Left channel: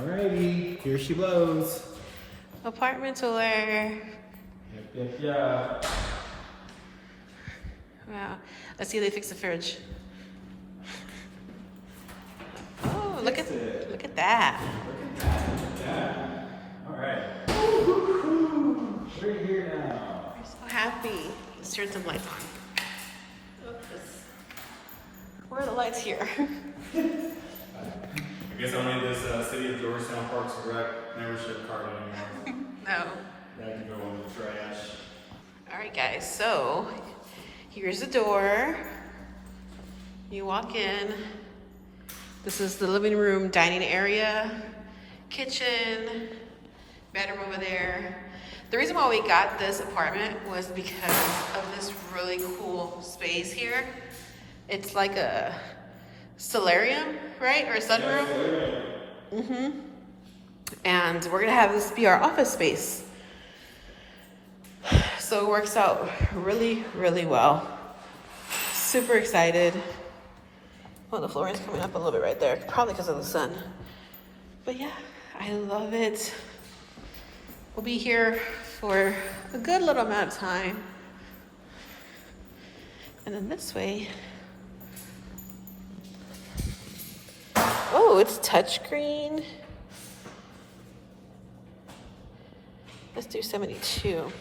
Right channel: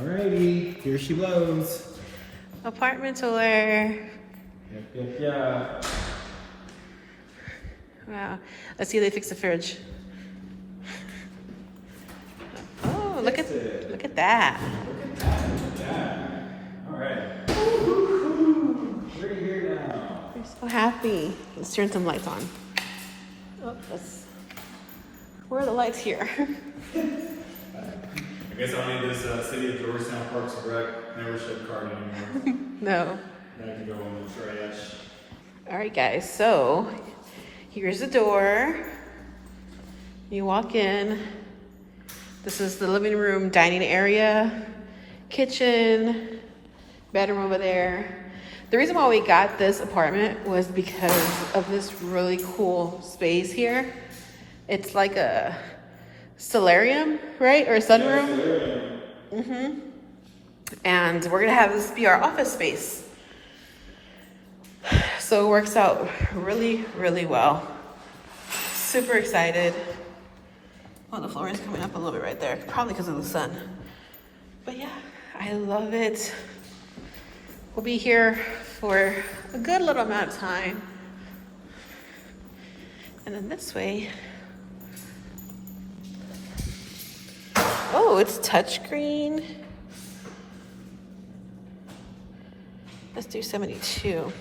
Alrighty, here she blows. Apartment tour. Yep. Wow. Let's see if they fix the fridge. Oh, look at that. Look at that. Alright. We're here now. We're so happy. Let's turn some lights on. Oh, where are the lights here? I guess I don't need this City of Georgetown Parks and Rec membership card anymore. No. That can go on the trash. All right, guys. So here's the door. You walk in. This is the living room, dining area, kitchen, bedroom over there. The reason why we got this apartment was because of this really cool space here. It's like a solarium, right? Or a sunroom. And we're gonna have this be our office space. So it works out really, really well. Super excited. Oh, the flooring's coming up a little bit right there, probably because of the sun. But yeah, I love it. We'll be here for a good little amount of time. And then this way. Oh, it's touchscreen. Let's do 72.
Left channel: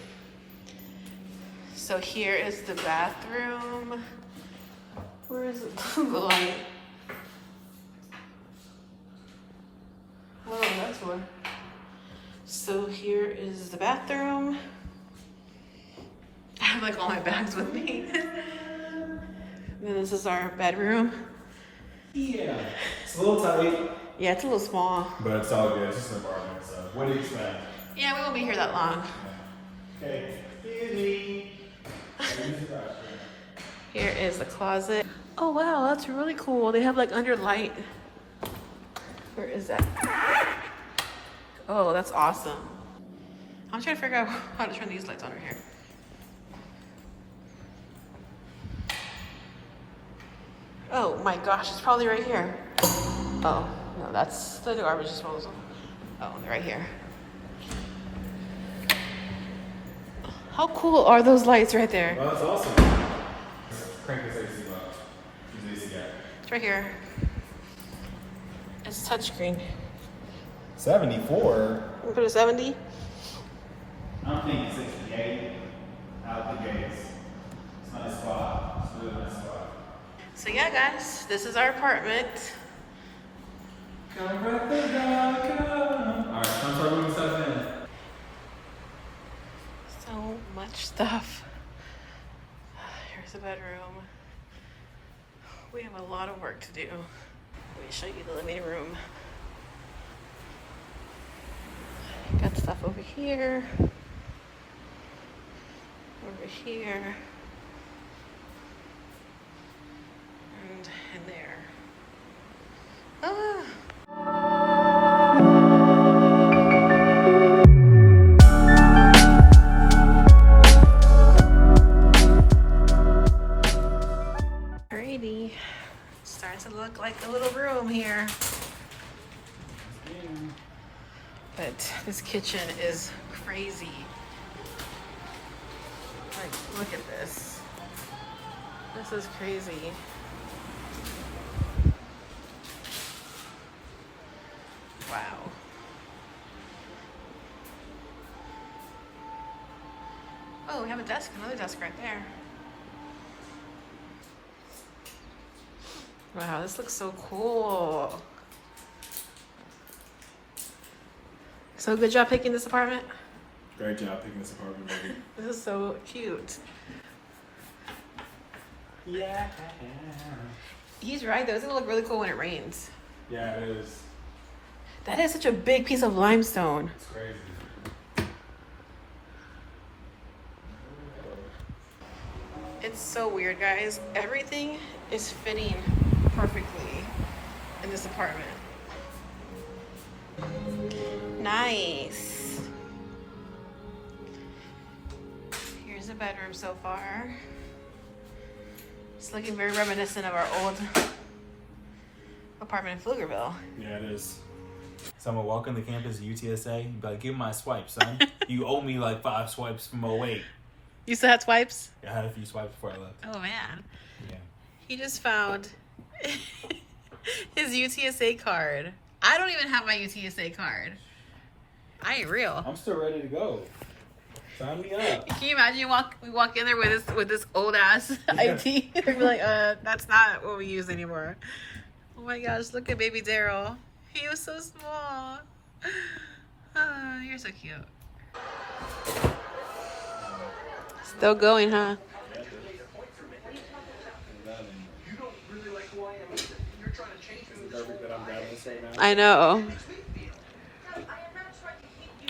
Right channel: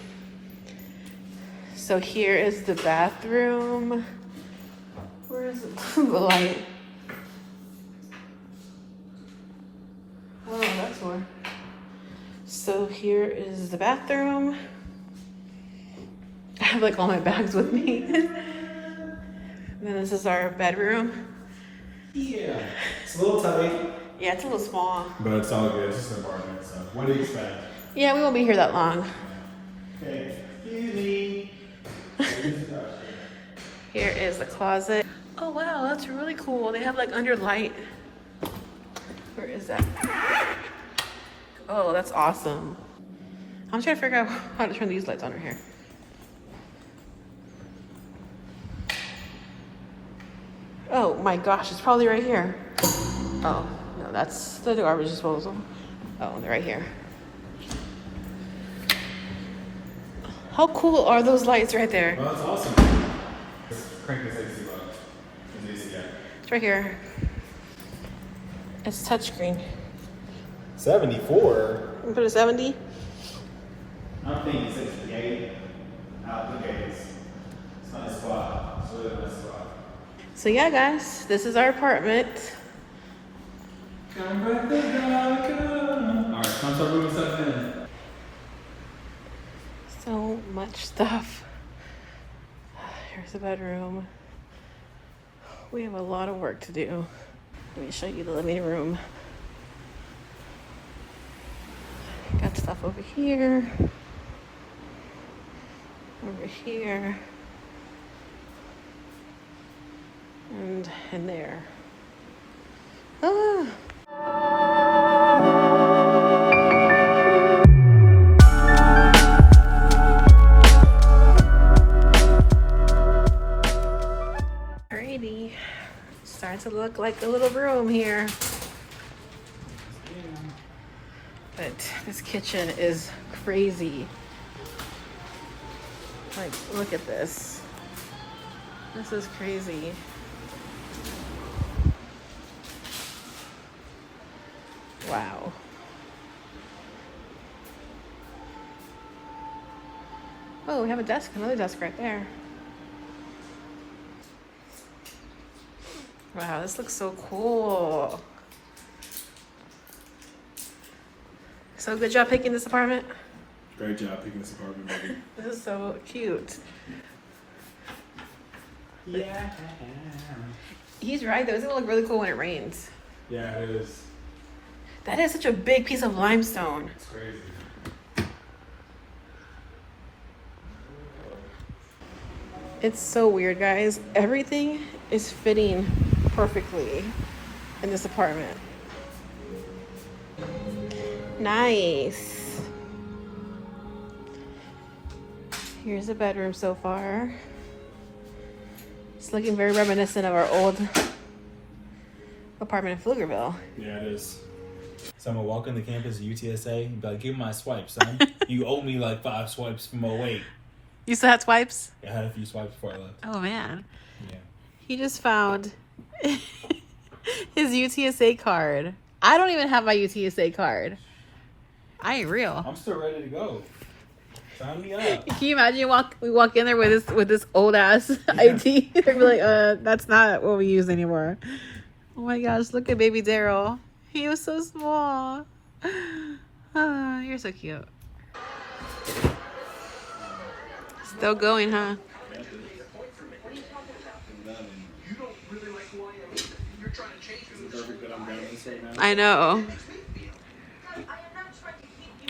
So here is the bathroom. Where is it? The light. Oh, that's one. So here is the bathroom. I have like all my bags with me. And then this is our bedroom. Yeah. It's a little tight. Yeah, it's a little small. But it's all good. It's just an apartment, so what do you expect? Yeah, we won't be here that long. Okay. Easy. Here is the closet. Oh wow, that's really cool. They have like under light. Where is that? Oh, that's awesome. I'm trying to figure out how to turn these lights on right here. Oh my gosh, it's probably right here. Oh, no, that's the garbage disposal. Oh, they're right here. How cool are those lights right there? Well, that's awesome. Crank the 60 bucks. It's right here. It's touchscreen. 74. We put a 70. I don't think it's 68. I don't think it's not a spot. So it's not a spot. So yeah, guys, this is our apartment. Come back the dark. Alright, come start moving stuff in. So much stuff. Here's the bedroom. We have a lot of work to do. Let me show you the living room. Got stuff over here. Over here. And in there. Ah. Alrighty. Starting to look like a little room here. But this kitchen is crazy. Like, look at this. This is crazy. Wow. Oh, we have a desk, another desk right there. Wow, this looks so cool. So good job picking this apartment. Great job picking this apartment, baby. This is so cute. Yeah. He's right though, it's gonna look really cool when it rains. Yeah, it is. That is such a big piece of limestone. It's crazy. It's so weird, guys. Everything is fitting perfectly in this apartment. Nice. Here's the bedroom so far. It's looking very reminiscent of our old apartment in Pflugerville. Yeah, it is. So I'm gonna walk on the campus of UTSA and be like, give me my swipe, son. You owe me like 5 swipes from 08. You still had swipes? I had a few swipes before I left. Oh man. Yeah. He just found his UTSA card. I don't even have my UTSA card. I ain't real. I'm still ready to go. Sign me up. Can you imagine we walk in there with this old ass ID? They'd be like, that's not what we use anymore. Oh my gosh, look at baby Daryl. He was so small. Ah, you're so cute. Still going, huh? Perfect that I'm grabbing this right now. I know.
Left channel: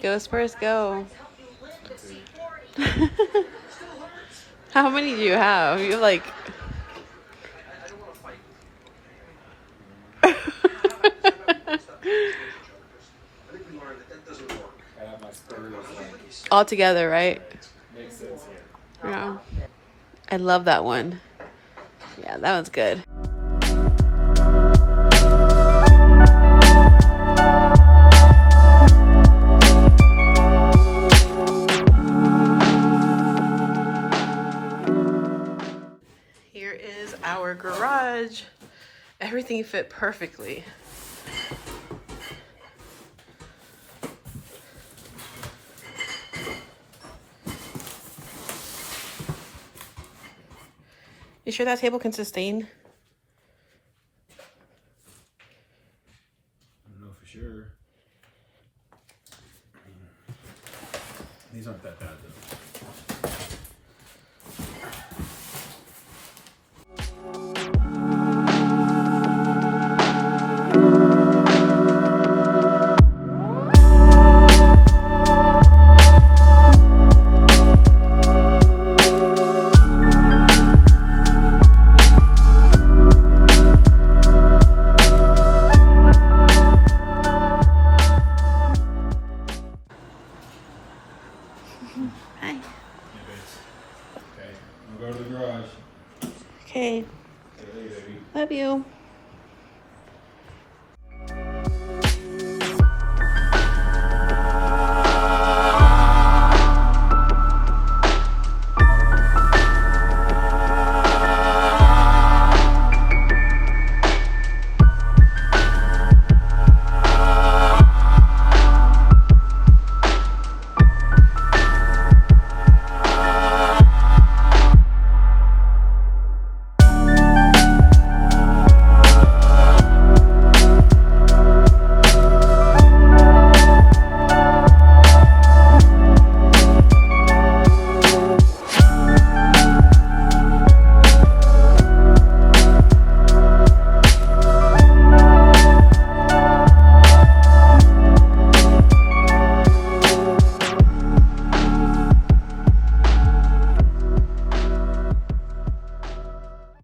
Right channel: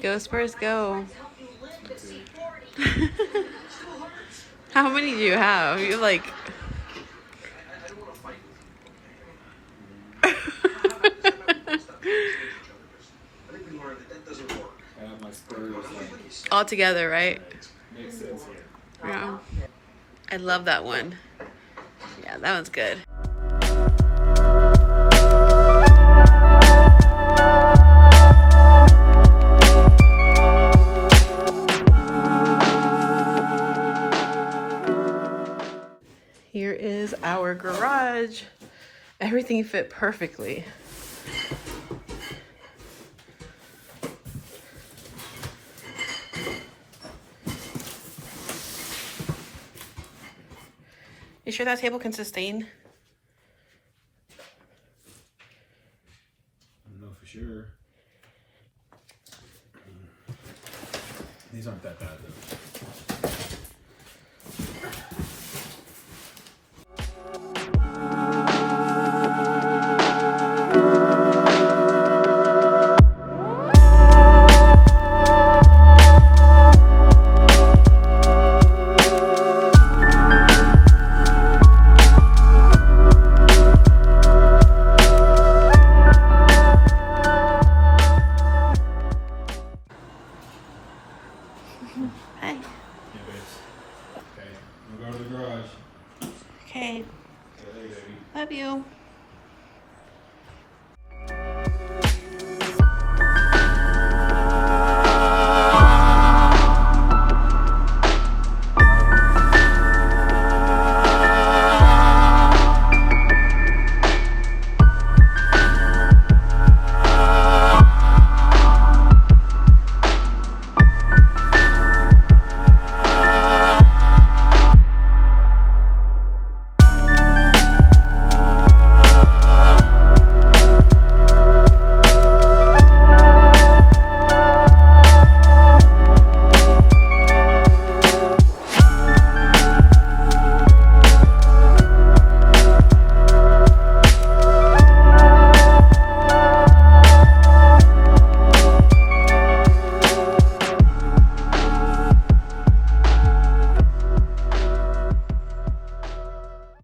Go Spurs, go. How many do you have? You're like... I have my Spurs. all together, right? Makes sense here. Yeah. I love that one. Yeah, that one's good. Here is our garage. Everything fit perfectly. You sure that table can sustain? I don't know for sure. These aren't that bad though.